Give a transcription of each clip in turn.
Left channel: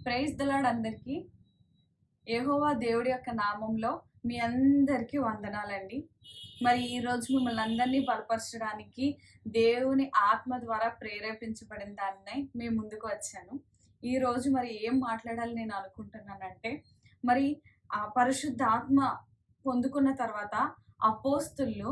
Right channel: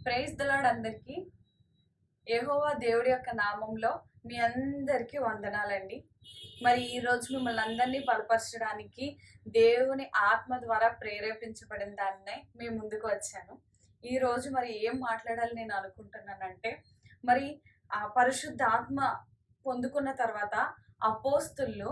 Praise the lord అందరికీ. యెహోవా దేవుడి యొక్క నామంలో మీ అందరికీ వందనాలండి. మరి ఈరోజు మిమ్మల్ని అందరినీ బలపరచడానికి దేవుని ఆత్మ ద్వారా ప్రేరేపించబడిన దాన్నే మీ ముందుకు వచ్చాను. ఈరోజు మరి ఏం మాట్లాడాలి నేను అనుకుంటున్నానంటే, మరి ఆ పరిశుద్ధ ఆత్మ పొందుకున్న తర్వాత అపోస్తులు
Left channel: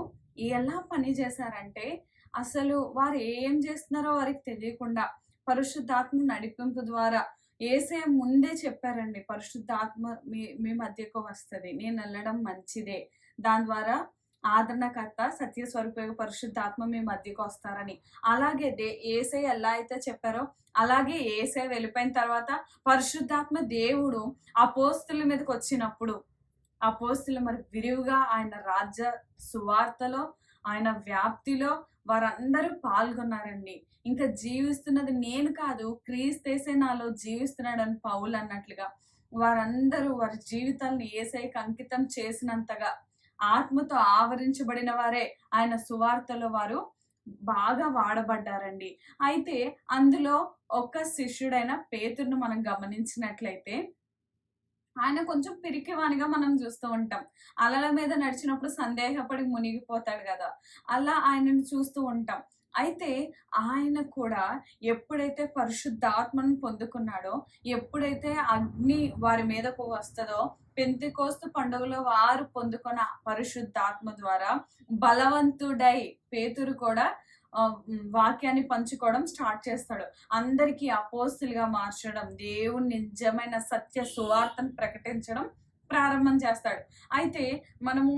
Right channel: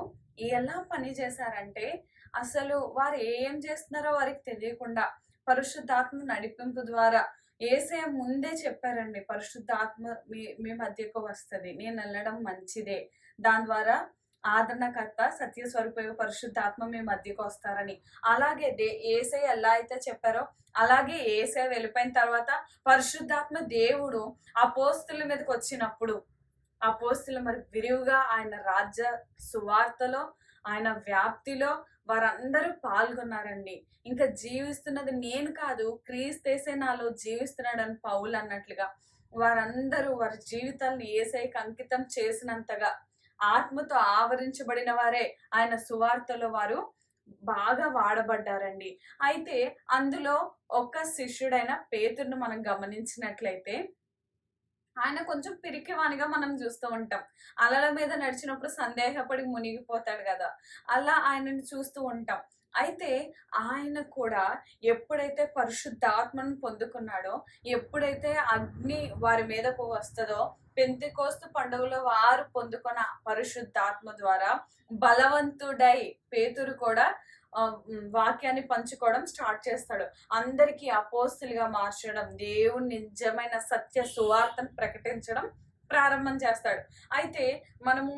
ఎలా పని చేశారంటే, అసలు వారు ఏం చేస్తున్నారో వారికి తెలియకుండా పరిశుద్ధాత్మ నడిపింపు ద్వారా యేసయ్య ముందే చెప్పారండి. పరిశుద్ధాత్మ మీ మీ మధ్యకు వస్తది. నేనెళ్ళడం మంచిదే. దాని ద్వారా ఆదరణకర్త, సత్య స్వరూప పరిశుద్ధాత్మ మీ మధ్యకు వస్తారని. అలాగే యేసయ్య ఎలా అయితే చెప్పారో, అలాగే యేసయ్య వెళ్ళిపోయిన తర్వాత పరిశుద్ధాత్మ దేవుడు అపోస్తుల మీదకొచ్చినప్పుడు, అపోస్తులు మరి విరివిగా ఆయన రాజ్య సువార్తలో, ఆయన వ్యాప్తిలో వారందరూ పాల్గొన్నారండి. ఇంకా జీవిస్తున్నది నేను కాదు, క్రీస్తేసే నాలో జీవిస్తున్నాడని పౌలు అన్నట్లుగా వారందరూ వారి జీవితాలను యేసయ్యకి అంకితం చేసినంతగా ఆత్మతో ఆవరించబడిన వారే ఆయన సువార్తలో వారు బాగా వాడబడ్డారండి. అయితే అందులో ఒక శిష్యుడైన పేతురును మనం గమనించినట్లయితే ఆయన కొంచెం పిరికివానిగా మనం చూస్తూ ఉంటాం. అలల మీద నడిచినప్పుడు సందేహపడి మునిగిపోతాడు గదా! అలా ఆయనను చూస్తూ ఉంటాం. అయితే ఆయన కూడా ఎప్పుడైతే పరిశుద్ధాత్మను పొందుకున్నాడో, ఎప్పుడైతే అగ్ని వారి మీదకు వస్తదో, పెంతెకోస్తు పండుగలో వారు పొందుకున్న పరిశుద్ధాత్మ ద్వారా బలవంతుడై పేతురు కూడా వాక్యాన్ని పంచుకోవడం స్టార్ట్ చేస్తాడు. అందరికీ అపోస్తులుగా మార్చడం, దేవుని నిజమైన సత్య సువార్తను ప్రకటించడం ప్రారంభం చేస్తాడు. అయితే మనము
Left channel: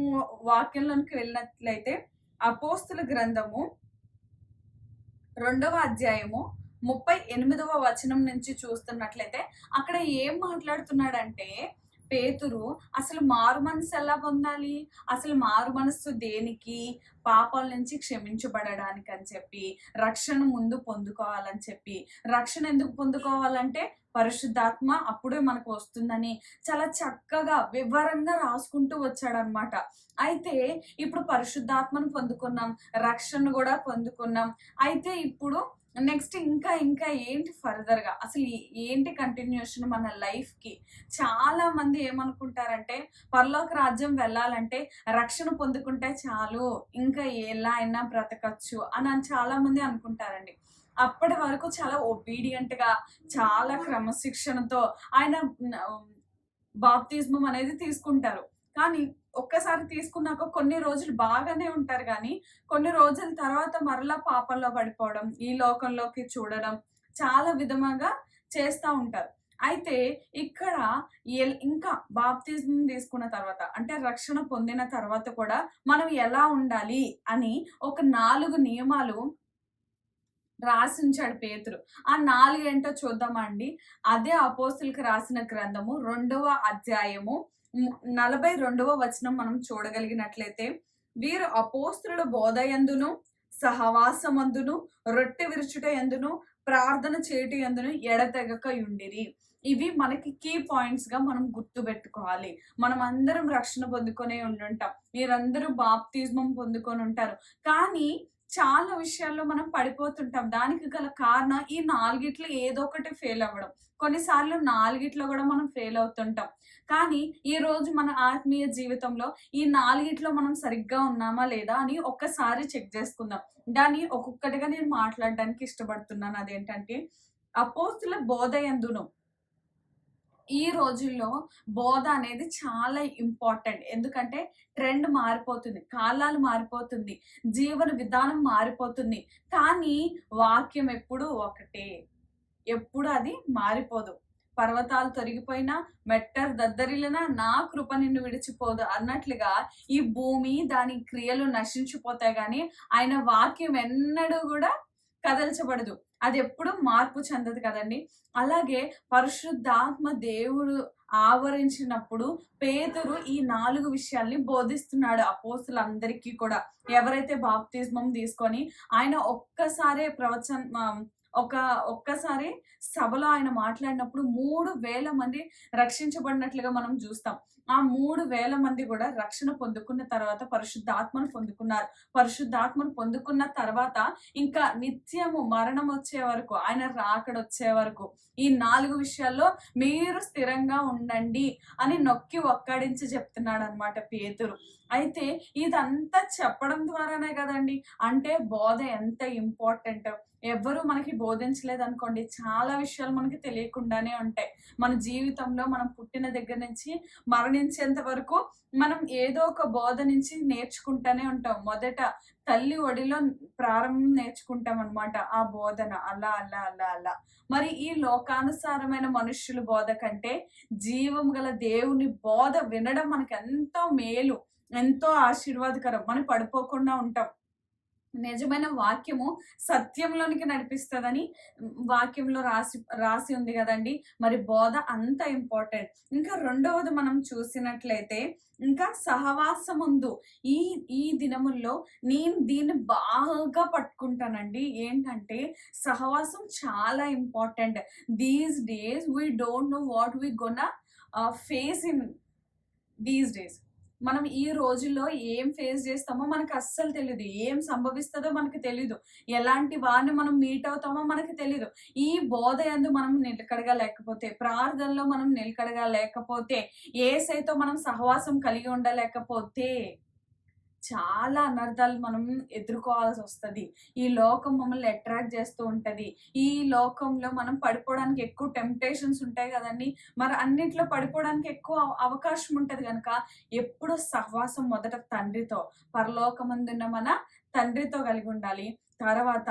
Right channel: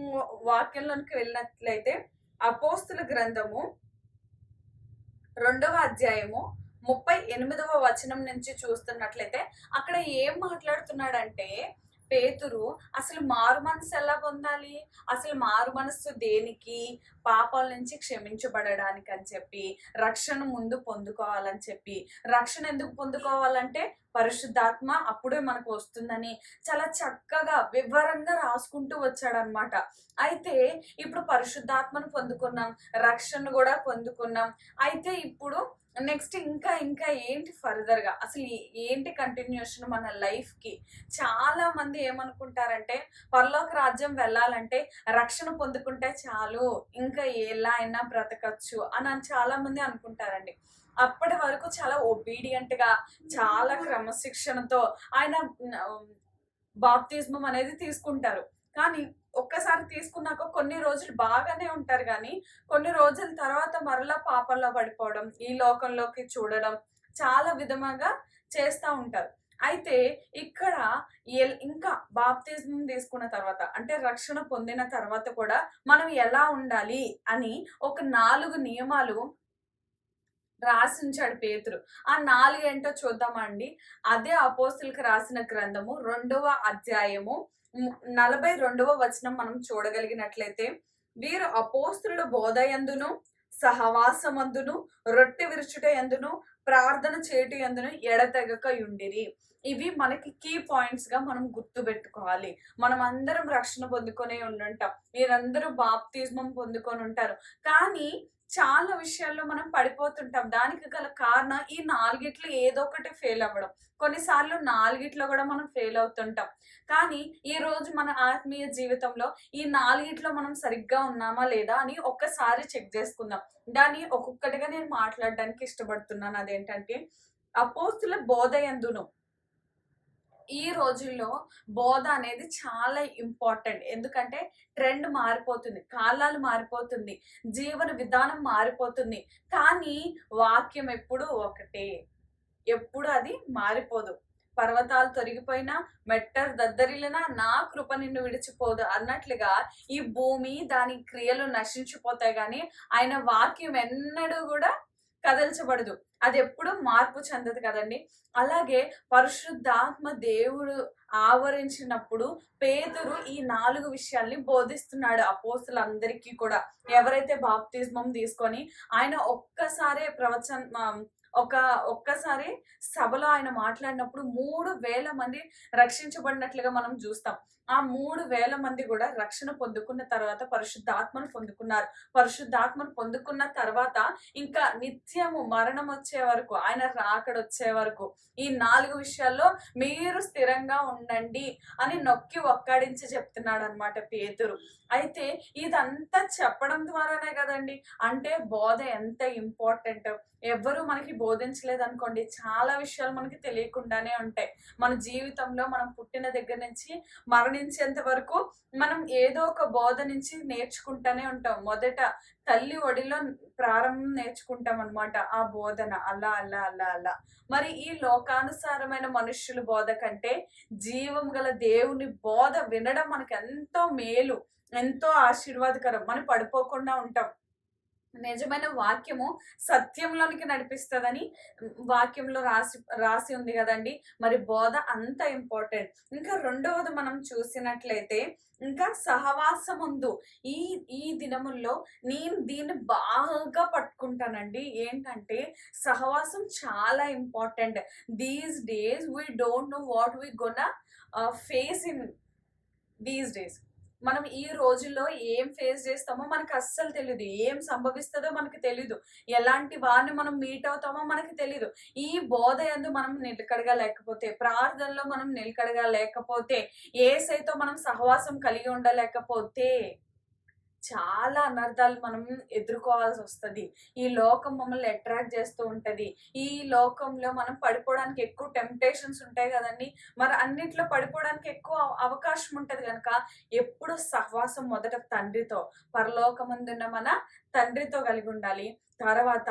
వాక్యంలోనికి వెళ్ళినట్లయితే అపోస్తుల గ్రంథము 2వ అధ్యాయము 38వ వచనం నుంచి చూస్తున్నట్లయితే అక్కడ ఏం మాట్లాడుతున్నాడంటే, పేతురు అసలు మారు మనసు ఎలా పొందాలి, అసలు మారు మనస్సు దేనికి, పాపాల నుంచి క్షమించబడడానికి అని చెప్పి, రక్షణ ముందు పొందుకోవాలని చెప్పి, రక్షణ ఎందుకు పొందుకోవాలంటే పరిశుద్ధాత్మ అప్పుడే మనకు వస్తుందని చాలా చక్కగా వివరంగా రాసుకుంటూ వచ్చాడనమాట. అయితే ఇప్పుడు పరిశుద్ధాత్మను పొందుకున్నాం, రక్షణ కూడా పొందుకున్నాం. అయితే ఇప్పుడు నెక్స్ట్ ఇంకా ఇంకా ఏంటి ఫర్దర్‌గా అసలు ఏంటి కంటిన్యూషన్ మన లైఫ్‌కి? చాలా మంది ఏమనుకుంటారంటే, పరలోక రాజ్యం వెళ్ళాలంటే రక్షణ పొందుకుంటే చాలు, ఇంకా ఎలా అయినా బ్రతకచ్చు అని చాలా మంది అనుకుంటారండి. అప్పటి వరకు చాలా ఒబీడియంట్‌గా, చాలా క్రమశిక్షణతో ఆయన బాప్తిస్మం అనేది తీసుకుంటారు. కానీ ఒక్కసారి తీసుకున్నాక కొన్ని రోజులు బాగానే ఉంటారు గానీ, కొన్ని రోజుల తర్వాత మరలా పాపంలో పడిపోవడం, ఈ లోకంలోకి చూడడం చాలా విధముగా చేస్తా ఉంటారు. అయితే ఇక్కడ ఇంకా బాప్తిజం తీసుకున్న తర్వాత అంటే రక్షణ పొందిన తర్వాత కూడా మనం ఎలా ఉండాలి అని ఒక 4 నియమాలు రాసుంచాడు పేతురు. ఆ 4 ఏంటో చూద్దామా అండి? అదే అపోస్తులకు రాసిన గ్రంథము 2వ అధ్యాయము 42వ వచనం మనం చూడగలిగినట్లయితే, వీరు అపోస్తుల బోధయందును, సహవాసమందును, రొట్టె విరుచుట యందును, ప్రార్థన చేయుట యందును ఎడతెగక యుండిరి. ఇవి మనకి కీ పాయింట్స్ గా మనం గుర్తుపెట్టుకోవాలి. మనం అందరం రక్షణ పొందుకొనే ఉండుంటాం. మీరందరూ బాప్తిస్మం పొందుకొని ఉంటారు. కానీ చాలా విషయాల్లో మనం పడిపోతుంటాం. దానికి గల కారణం ఈ 4 ఏదో ఒకటి ఫెయిల్ అవ్వడం. కొన్నిసార్లు 4 కూడా మనం ఫెయిల్ అవుతుంటాం. కానీ ఈరోజు మన ఆత్మీయ జీవితంలో ఈ 4 మనం సరిగ్గా ఉన్నామా లేదా అని ఒక్కసారి చెక్ చేసుకుందాం. దాన్ని ఒక్కొక్కటిగా నేను మాట్లాడడానికి ఇష్టపడుతున్నాను. అదేంటంటే, అపోస్తుల బోధయందును. ఈ రోజుల్లో బోధ అనేది చాలా ఇంపార్టెంట్. ఎందుకంటే ట్రెండ్ మారిపోతుంది, కాలాలు మారిపోతుంది, జీవన విధానం మారిపోతుంది. కానీ వాక్యం ఎప్పుడూ ఒకటే. ఎప్పుడు అది మారిపోదు. పర్వతాలు తొలగిపోయినా, మెట్టలు దద్దరిల్లినా నా కృప నిన్ను విడిచిపోదు అన్నట్లుగా ఈ భూమి దాని క్రియలు నశించిపోతాయి గానీ ఆయన వాక్యం ఎన్నడూ కూడా కదల్చబడదు. అది ఎప్పుడు మార్పు చెందదు కదండి. అలాగే పరిశుద్ధాత్మ దేవుడు ఆవరించినప్పుడు పేతురు ఈ 4 విషయాల్ని బోధిస్తున్నాడు అపోస్తులందరికీ కూడా. ఎవరైతే బాప్తిస్మం తీసుకొని ఆయన ఒక్కసారే ఒక ఒక్కసారి సభలో ఆయన మాట్లాడినప్పుడు 3,000 మంది రక్షించబడినట్లుగా మనం చూస్తాం. ఆ 3,000 మంది కూడా రక్షణ పొందుకున్న తర్వాత పరిశుద్ధాత్మను పొందుకున్నారు. పరిశుద్ధాత్మను పొందుకున్న తర్వాత ఇంకా నిత్యము మరణం వచ్చే వరకు, ఆయన రాకడొచ్చే వరకు ఈ 4 విషయాల్లో మీరు స్థిరంగా ఉండండి అని నొక్కి ఒక్కాడించి చెప్తున్నాడనమాట పేతురు. అయితే ఇదంతా చెప్పడం ద్వారానే కదండి, అంటే బోధ ఎంత ఇంపార్టెంట్. ఎవ్వరు మనకి బోధించలేదనుకోండి, చాలా విషయాలు మనకి తెలియకుండానే ఉంటాయి. మన జీవితంలో మనం పుట్టిన దగ్గర నుంచి మరణించేంత వరకు మనం ఏదో ఒక బోధ నుంచి నేర్చుకుంటానే ఉంటాం. మొదట తల్లి ఒడిలో ప్రారంభం నేర్చుకుంటాం అనమాట ఆ బోధన. అలా అలా అలా అలా మరి ఈ లోకానుసారమైన మనుష్యుల బోధ కంటే జీవం గల దేవుని బోధ వినడం మనకి ఎంతో మేలు, ఎంతో ఆశీర్వాదకరం. మనం పడిపోకుండా ఉంటాం. నిజమైన వాక్యము సత్యంలోనికి నడిపిస్తదని వాక్యంలో రాసి ఉంది కదండి. మరి బోధ అంత ఇంపార్టెంట్. ఇంకా రెండవది మనం చూసినట్లయితే ఇంకా సహవాసముందు ఈ ఈ దినముల్లో నేను దీన్ని బాగా పట్టుకుంటానండి. ఏంటంటే సహవాసం చాలా important. These days we don't know what we gonna face in these days. మనం ఈ రోజుల్లో ఏం ఫేస్ చేస్తామో మనకు అస్సలు తెలీదు. ఏం సంభవిస్తుందో మనకు తెలీదు. ఎలాంటి వారిని మనం మీట్ అవుతామో మనకు తెలీదు. ఈ బోధ యందు మనం నిలకడగా లేకపోతే, ప్రార్థనలో మనం నిలకడగా లేకపోతే, యేసయ్యతో మనం సహవాసం కలిగి ఉండలేకపోతే చాలా అనర్థాలు మనం ఎదుర్కోవాల్సి వస్తది. ఈ లోకం మమ్మల్ని అట్రాక్ట్ చేస్తూ ఉంటది. ఈ లోకంలో మనం పడిపోవడానికి ఎక్కువ టెంప్టేషన్స్ ఉంటాయి కదండి. మరి అన్నిట్లో పడిపోవడానికి ఎక్కువ అవకాశం ఉంటది గనక ఎప్పుడు సహవాసం మొదట తండ్రితో, పరలోకమందున్న మన తండ్రితో కలిగి ఉండాలి. తర్వాత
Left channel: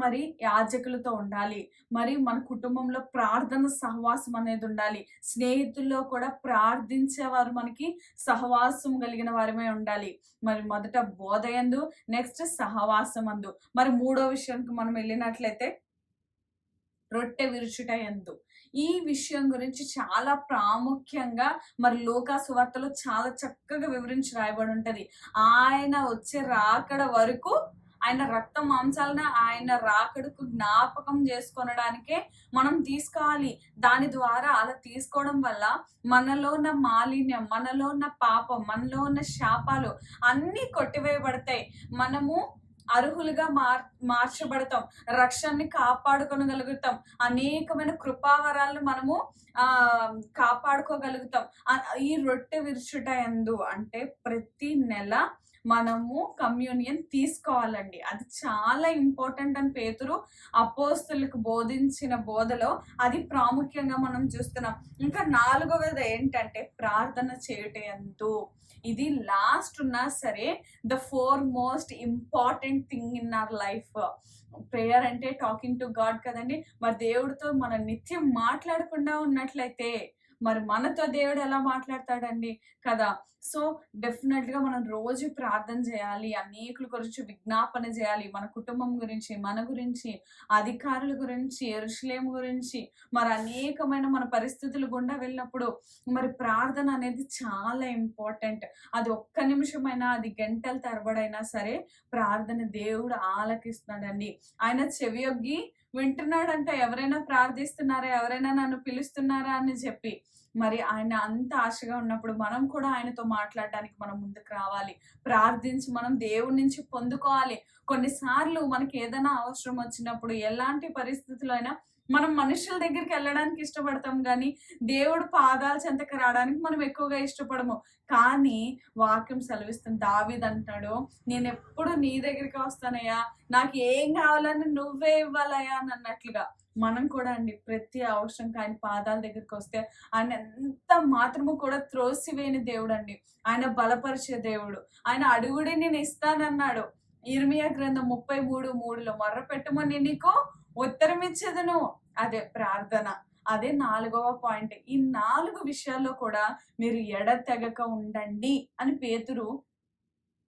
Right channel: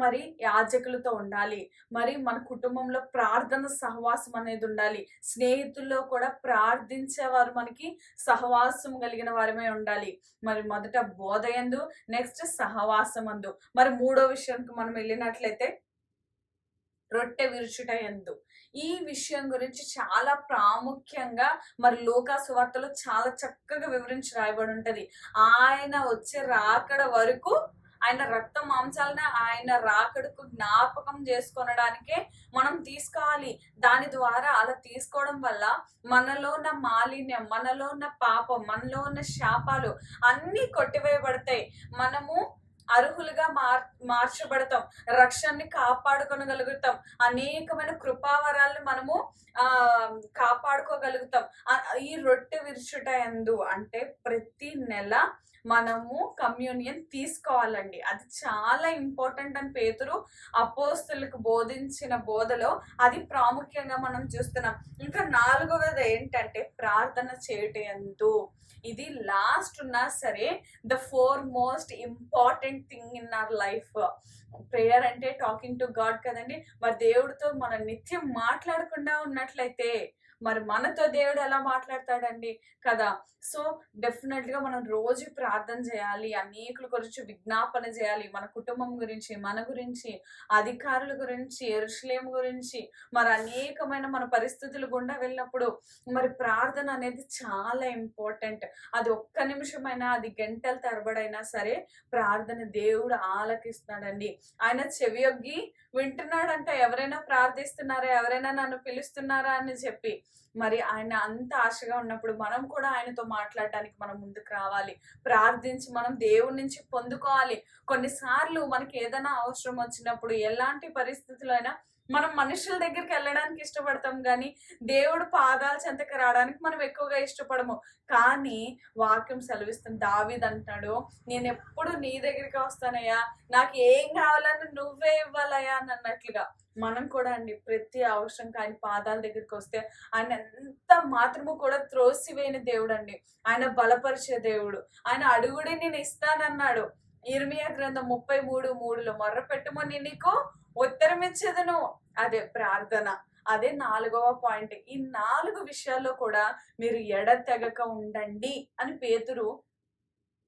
మరి యాజకులతో ఉండాలి. మరి మన కుటుంబంలో ప్రార్థన సహవాసం అనేది ఉండాలి. స్నేహితుల్లో కూడా ప్రార్థించేవారు మనకి సహవాసం కలిగిన వారమే ఉండాలి. మరి మొదట బోధయందు, నెక్స్ట్ సహవాసమందు. మరి మూడో విషయానికి మనం వెళ్ళినట్లయితే రొట్టె విరుచుట యందు. ఈ విషయం గురించి చాలా ప్రాముఖ్యంగా మరి లూకా సువార్తలో చాలా చక్కగా వివరించి రాయబడి ఉంటది. ఆయన వచ్చే రాకడ వరకు ఆయన రక్త మాంసాలను ఆయన రాకడకు జ్ఞాపకం చేసుకొనడానికే మనం తీసుకోవాలి. దాని ద్వారా అలా తీసుకోవడం వల్ల మనలో ఉన్న మాలిన్యం, మనలో ఉన్న పాపం, మనలో ఉన్న శాపాలు అన్నీ కొట్టివేయబడతాయి. మనము అర్హులుగా మార్చబడతాం. రక్షణని కాపాడుకొనగలుగుతాం. అనేకమైన కృపావరాలను మనము కాపాడుకోగలుగుతాం. ఈ రొట్టె విరుచుట యందు అంటే ప్రతి నెల మనము కమ్యూనియన్ తీసుకోవాలండి. అది చాలా ఇంపార్టెంట్ అని పేతురు అపోస్తులకు బోధించిన బోధలో అది ప్రాముఖ్యంగా మనం చూస్తున్నాం. ఇంకా నాలుగవది ఏంటంటే ప్రార్థన చేయుట యందు. ఇది లాస్ట్ ఉన్నా సరే the four most important thing in our life. Prayer అంటే టాకింగ్ టు గాడ్ కదండి. మరి దేవుడితో మనం నిత్యం మాట్లాడకుండా ఉన్నట్లయితే మరి మనతో దేవుడు ఎలా మాట్లాడతాడండి కదా. సో డెఫినెట్గా మనం రోజు ప్రార్థన చేయాలి. అనేకుల గురించి విజ్ఞాపన చేయాలి. మన కుటుంబం గురించి, మన గురించి, అధికారుల గురించి, యెరూషలేము గురించి, మరి అనేకమైన మన పరిస్థితులు గుండా వెళ్ళినప్పుడు మరి ప్రార్థన అనేది చాలా ఇంపార్టెంట్. అది ఒక్క నిమిషమైనా, అది గంటల తరబడైనా సరే ప్రార్థన దేవుడు ఆలకిస్తున్నాడండి. ఆయన చెవియొగ్గి వింటున్నాడంట. ఎవరైనా ప్రార్థిస్తున్నారా, ఎవరైనా నన్ను పిలుస్తున్నారా అని చెప్పి. మరి ఆయన అంత ఆశగా ఉన్నప్పుడు మనం కూడా ఆయనతో మాట్లాడడానికి మనం ముందుకు రావాలి. ప్రార్థించి మనం దేవుడి నుంచి పొందుకోవాలి. కొన్నిసార్లు మనకి ఏదైనా అవసరం వచ్చినప్పుడు, ఎలాంటి పరిస్థితుల్లో అయినా మనం మనుషుల దగ్గరికి వెళ్ళడానికి ఇష్టపడతాం కానీ దేవుడు పాదాల చెంతకు రావడానికి మనం ఎక్కువగా ఇష్టపడము. కానీ వాక్యం సెలవిస్తుంది. దావీదు అంటాడు, నేను ఎప్పుడు నీ దగ్గరికి వస్తానయ్యా, నాకు ఏం కావాలని నువ్వే ఇవ్వాలయ్యా అని అన్నట్లుగా. మనం కూడా అండి ప్రతి అవసరం ఆయన పాదాల దగ్గరికి వస్తే ఆయన ఎంత మాత్రము కూడా త్రోసివేయని దేవుడు అండి. ఆయన బలపరిచే దేవుడు. ఆయన అడుగుడి నేను ఇస్తానన్నాడు. ఇర్మియా గ్రంథం 33:3 మొర్రపెట్టుమని నీకు ఉత్తరం ఇచ్చేదను. అదే ప్రార్థన. అదే 4వ పాయింట్. ఈ 4 విషయాల్లో కూడా మీరు ఎడతెగక ఉండండి అని పేతురు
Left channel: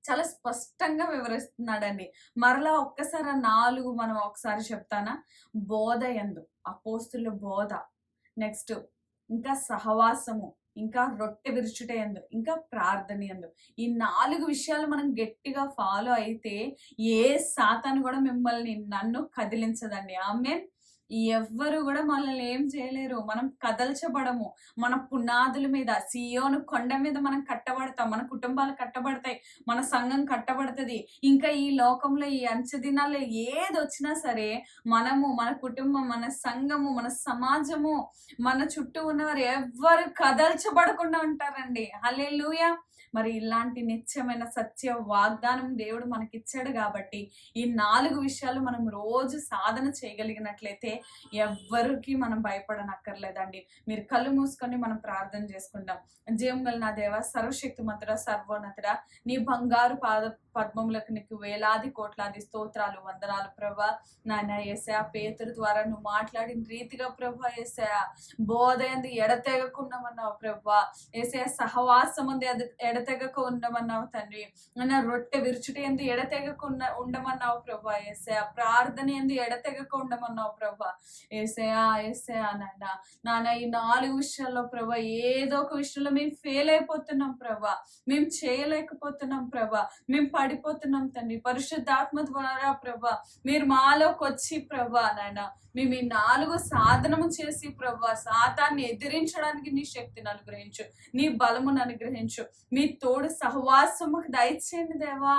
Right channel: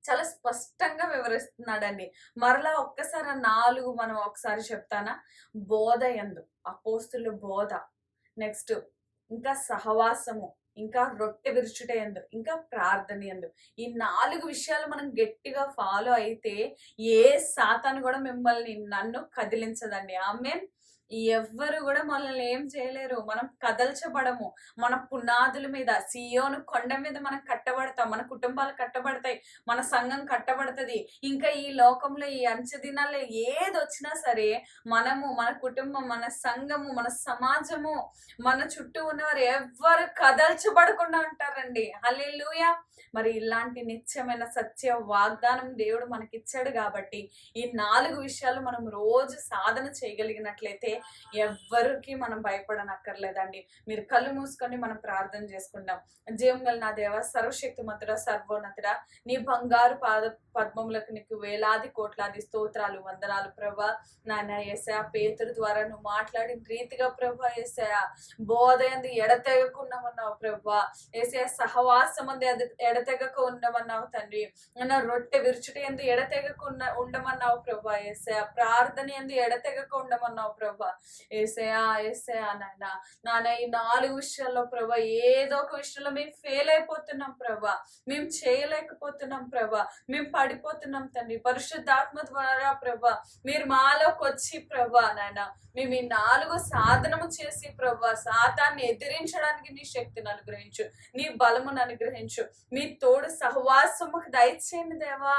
చాలా స్పష్టంగా వివరిస్తున్నాడండి. మరలా ఒక్కసారి ఆ 4 మనం ఒకసారి చెప్తానా? బోధ యందు, అపోస్తుల బోధ, నెక్స్ట్ ఇంకా సహవాసము, ఇంకా రొట్టె విరుచుట యందు, ఇంకా ప్రార్థన యందు. ఈ 4 విషయాలు మనం గట్టిగా ఫాలో అయితే ఏ సాతాను కూడా మిమ్మల్ని నన్ను కదిలించదండి. ఆమేన్. ఎవ్వరు కూడా మనల్ని ఏం చేయలేరు. మనం కదల్చబడము. మన పునాదుల మీద, సీయోను కొండ మీద మనం కట్టబడతాం. మన కుటుంబాలు కట్టబడతాయి. మన సంఘం కట్టబడతది. ఇంకా ఈ లోకంలో ఈ అంచె దినాల్లో ఏదొచ్చినా సరే మనము, మన కుటుంబం, మన సంఘము, మన సమాజము, మన చుట్టూ ఉన్నవారు ఎవ్వరు కదల్చబడకుండా ఉంటారండి. హల్లెలూయా! మరి ఇలాంటి నిత్యమైన సత్య వాగ్దానం దేవుడు మనకిచ్చాడు కాబట్టి ఈ 4 విషయాలు మనం రోజు సాధన చేయగలిగినట్లయితే ఎవ్వరికి మనం భయపడనక్కర్లేదండి. మీరు కళ్ళు మూసుకొని మనం ప్రార్థన చేసుకుందాం. జీవం గల నా దేవ, సర్వశక్తిమంతుడా, సర్వోన్నతుడా, నీ బంగారు పద్మములకు నీకు వేలాది కోట్లాది స్తోత్రాలు, వందనాలు ప్రభా. నాయన యేసయ్య, పేతురు ద్వారా నువ్వు మాట్లాడిన రీతిగా ప్రభా యేసయ్య, బోధ యందు ఎడతెగకుండా ఉన్నావు ప్రభా యేసయ్య, సహవాసం అందు ఎడతెగక ఉండమన్నావు తండ్రి. నా రొట్టె విరుచుట యందు ఎడతెగక ఉండమన్నావు ప్రభా యేసయ్య, ప్రార్థన యందు ఎడతెగక ఉండమన్నావు ప్రభా యేసయ్య. యేసయ్య నాయన ఈ 4 విషయాల్లో ప్రభా ఏదో ఒక విషయంలో మేము ఫెయిల్ అయిపోతున్నాం ప్రభా, మేము చేయలేకపోతున్నాం ప్రభా, మేము పడిపోతున్నాం తండ్రి. పరిశుద్ధాత్మ ద్వారా ప్రభా మీరు మాలోకి వచ్చి ప్రభా నాయన మేము ఈ 4 సాధనము చేసి ప్రభా సాతాన్ని ఎదిరించడానికి నీ శక్తిని అనుగ్రహించు, నీ బలమును అనుగ్రహించు, మీ తోడు సహవాసముకు దయచేయండి దేవా.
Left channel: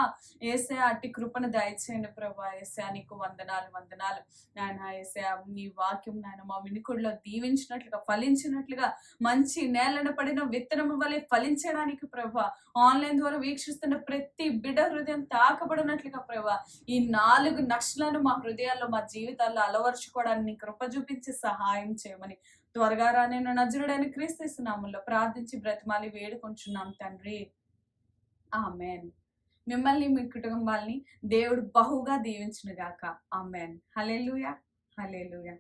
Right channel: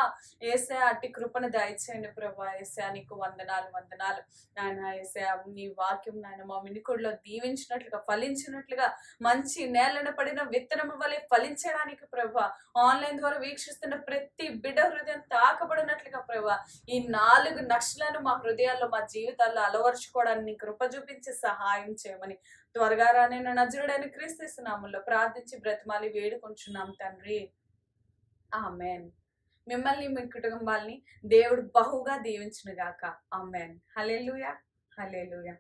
యేసయ్య, అట్టి కృపను దయచేయండి ప్రభా. యేసయ్య, నీకు వందనాలు వందనాలు నాయన. యేసయ్య, నీ వాక్యం నాయన మా వినికుడిలో దీవించినట్లుగా, ఫలించినట్లుగా, మంచి నేలను పడిన విత్తనము వలె ఫలించడానికి ప్రభా, ఆన్లైన్ ద్వారా వీక్షిస్తున్న ప్రతి బిడ్డ హృదయం తాకబడినట్లుగా ప్రభా, ఈ 4 నక్షలను మా హృదయాల్లో, మా జీవితాల్లో అలవరుచుకోవడానికి నీ కృప చూపించి సహాయం చేయమని త్వరగా రానైన నజరుడైన క్రీస్తు నామములో ప్రార్థించి బ్రతిమాలి వేడుకొంచున్నాం తండ్రి. ఆమేన్. మిమ్మల్ని, మీ కుటుంబాల్ని దేవుడు బహుగా దీవించును గాక. ఆమేన్. హల్లెలూయా, హల్లెలూయా.